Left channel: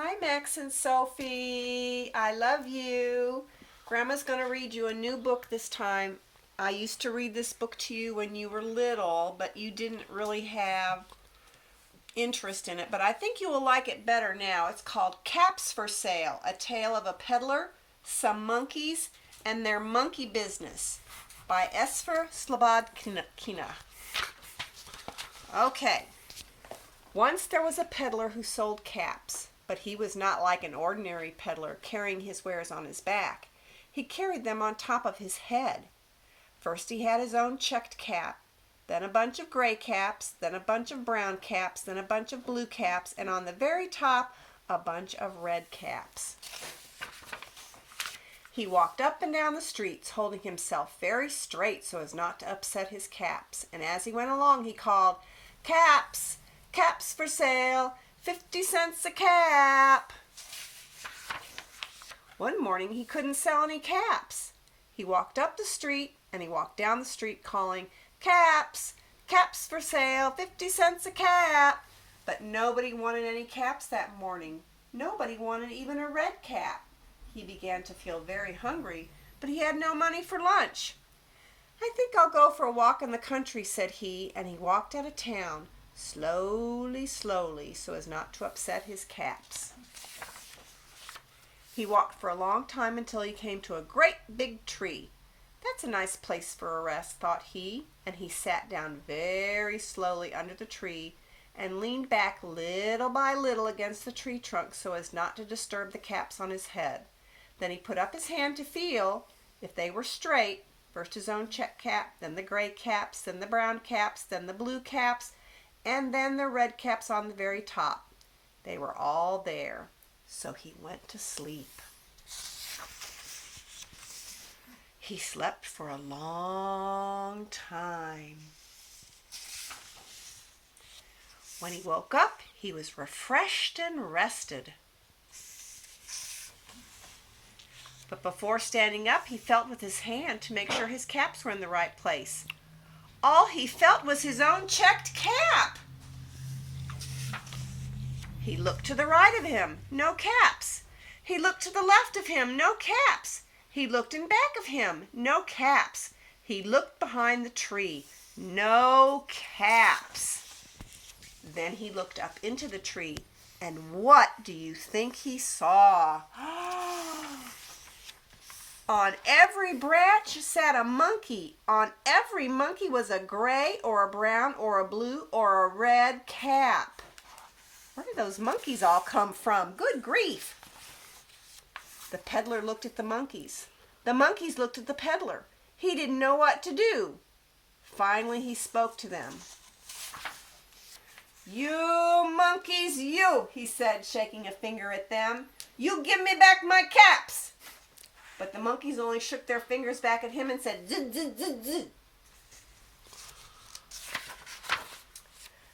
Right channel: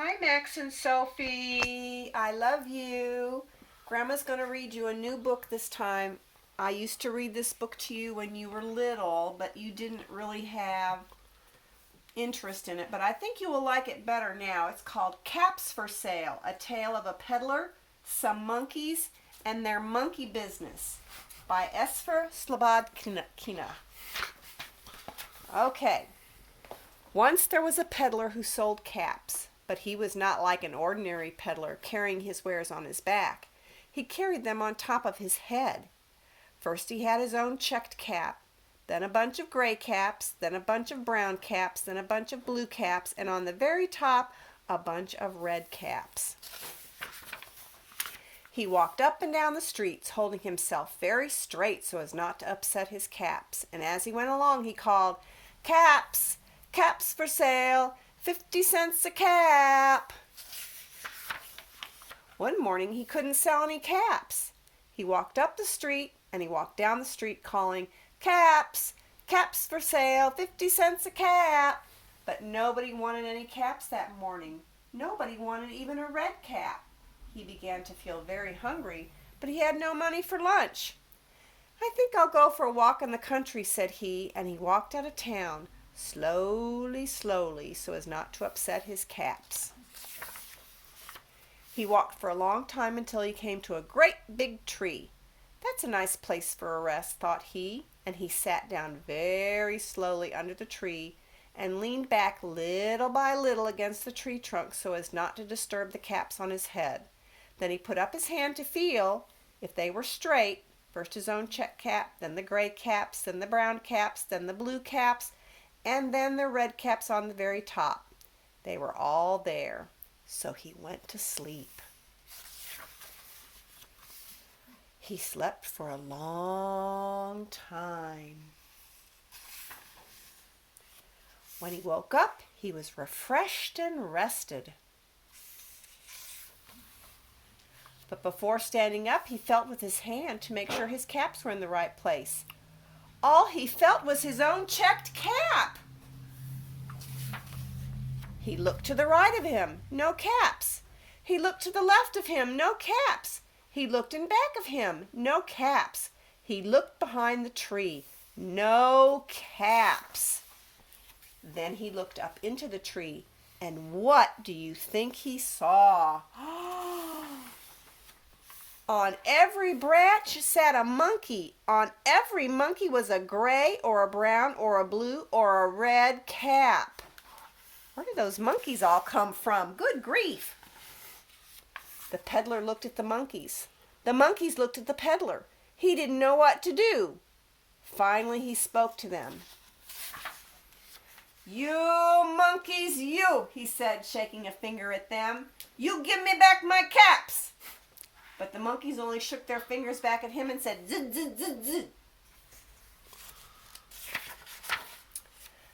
Hi, Max and Sophie. I love you. Grandma's going to read you a new book this time. I used to read this book to you when you were little, but you didn't really have interest in it. But I think you will like it better now. It's called Caps for Sale, A Tale of a Peddler, Some Monkeys, and Their Monkey Business by Esfer Slobodkina. Okay. Once there was a peddler who sold caps, but he was not like an ordinary peddler carrying his wares on his back. He carried them on top of his head. First he had his own checked cap, then a bunch of gray caps, then a bunch of brown caps, then a bunch of blue caps, and on the very top, a bunch of red caps. He walked up and down the streets, holding himself very straight so as not to upset his caps, and as he went along he called, "Caps! Caps for sale, 50 cents a cap." One morning he couldn't sell any caps. He walked up the street and he walked down the street calling, "Caps! Caps for sale, 50 cents a cap." But nobody wanted any caps that morning. Nobody wanted even a red cap. He began to feel very hungry, but he had no money for lunch. "I think I'll go for a walk in the country," said he, and he walked out of town, slowly, slowly, so as not to upset his caps. He walked for a long time until he came to a great big tree. "That's a nice place for a rest," thought he, and he sat down very slowly under the tree and leaned back little by little against the tree trunk so as not to disturb the caps on his head. Then he put up his hand to feel if they were straight, first his own check cap, then the gray caps, then the brown caps, then the blue caps, and then the red caps on the very top. They were all there, so he went to sleep. He slept for a long time. When he woke up, he was refreshed and rested. But before standing up, he felt with his hand to make sure his caps were in the right place. All he felt was his own checked cap. He looked to the right of him, no caps. He looked to the left of him, no caps. He looked in back of him, no caps. He looked behind the tree, no caps. Then he looked up into the tree, and what do you think he saw? On every branch sat a monkey. On every monkey was a gray or a brown or a blue or a red cap. Where did those monkeys all come from? Good grief! The peddler looked at the monkeys. The monkeys looked at the peddler. He didn't know what to do. Finally he spoke to them. "You monkeys, you," he said, shaking a finger at them. "You give me back my caps." But the monkeys only shook their fingers back at him and said, "Zzz, zzz, zzz, zzz."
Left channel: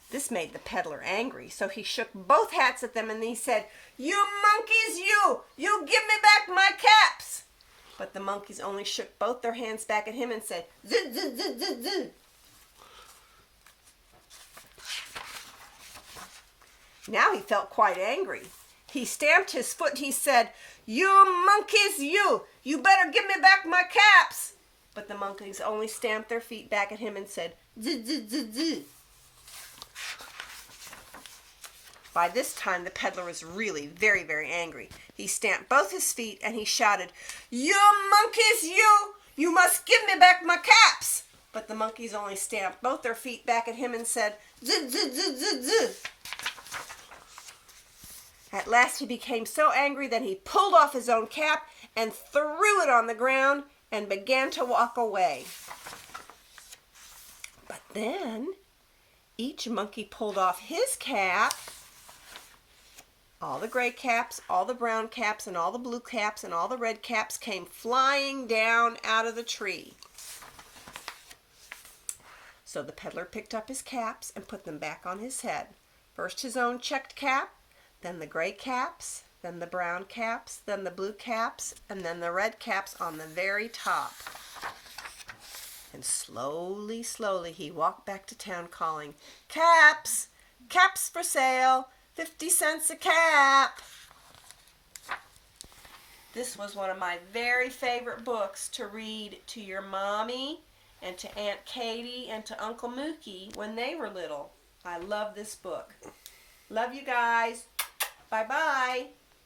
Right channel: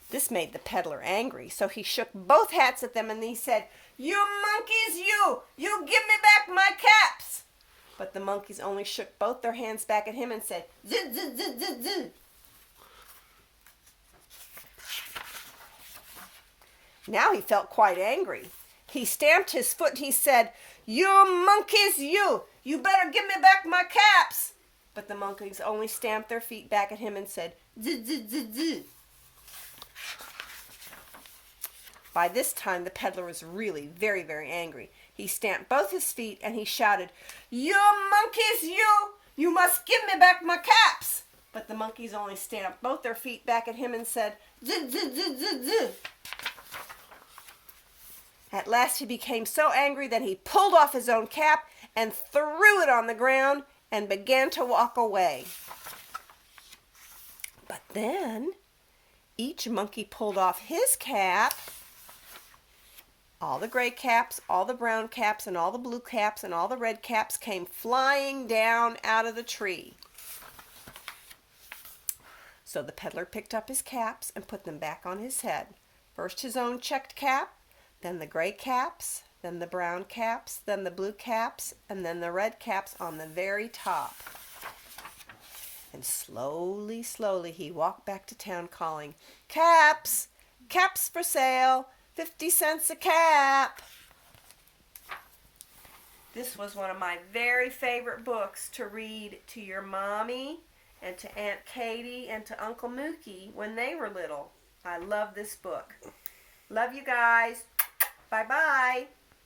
This made the peddler angry, so he shook both hats at them and he said, "You monkeys, you give me back my caps." But the monkeys only shook both their hands back at him and said, "Zzz, zzz, zzz, zzz, zzz." Now he felt quite angry. He stamped his foot and he said, "You monkeys, you better give me back my caps." But the monkeys only stamped their feet back at him and said, "Zzz, zzz, zzz, zzz." By this time the peddler was really very, very angry. He stamped both his feet and he shouted, "You monkeys, you must give me back my caps." But the monkeys only stamped both their feet back at him and said, "Zzz, zzz, zzz, zzz, zzz." At last he became so angry that he pulled off his own cap and threw it on the ground and began to walk away. But then each monkey pulled off his cap. All the gray caps, all the brown caps, and all the blue caps, and all the red caps came flying down out of the tree. So the peddler picked up his caps and put them back on his head. First his own checked cap, then the gray caps, then the brown caps, then the blue caps, and then the red caps on the very top. And slowly, slowly he walked back to town calling, "Caps! Caps for sale! 50 cents a cap!" This was one of my very favorite books to read to your mommy and to Aunt Katie and to Uncle Mookie when they were little. I love this book. Love you guys. Bye-bye.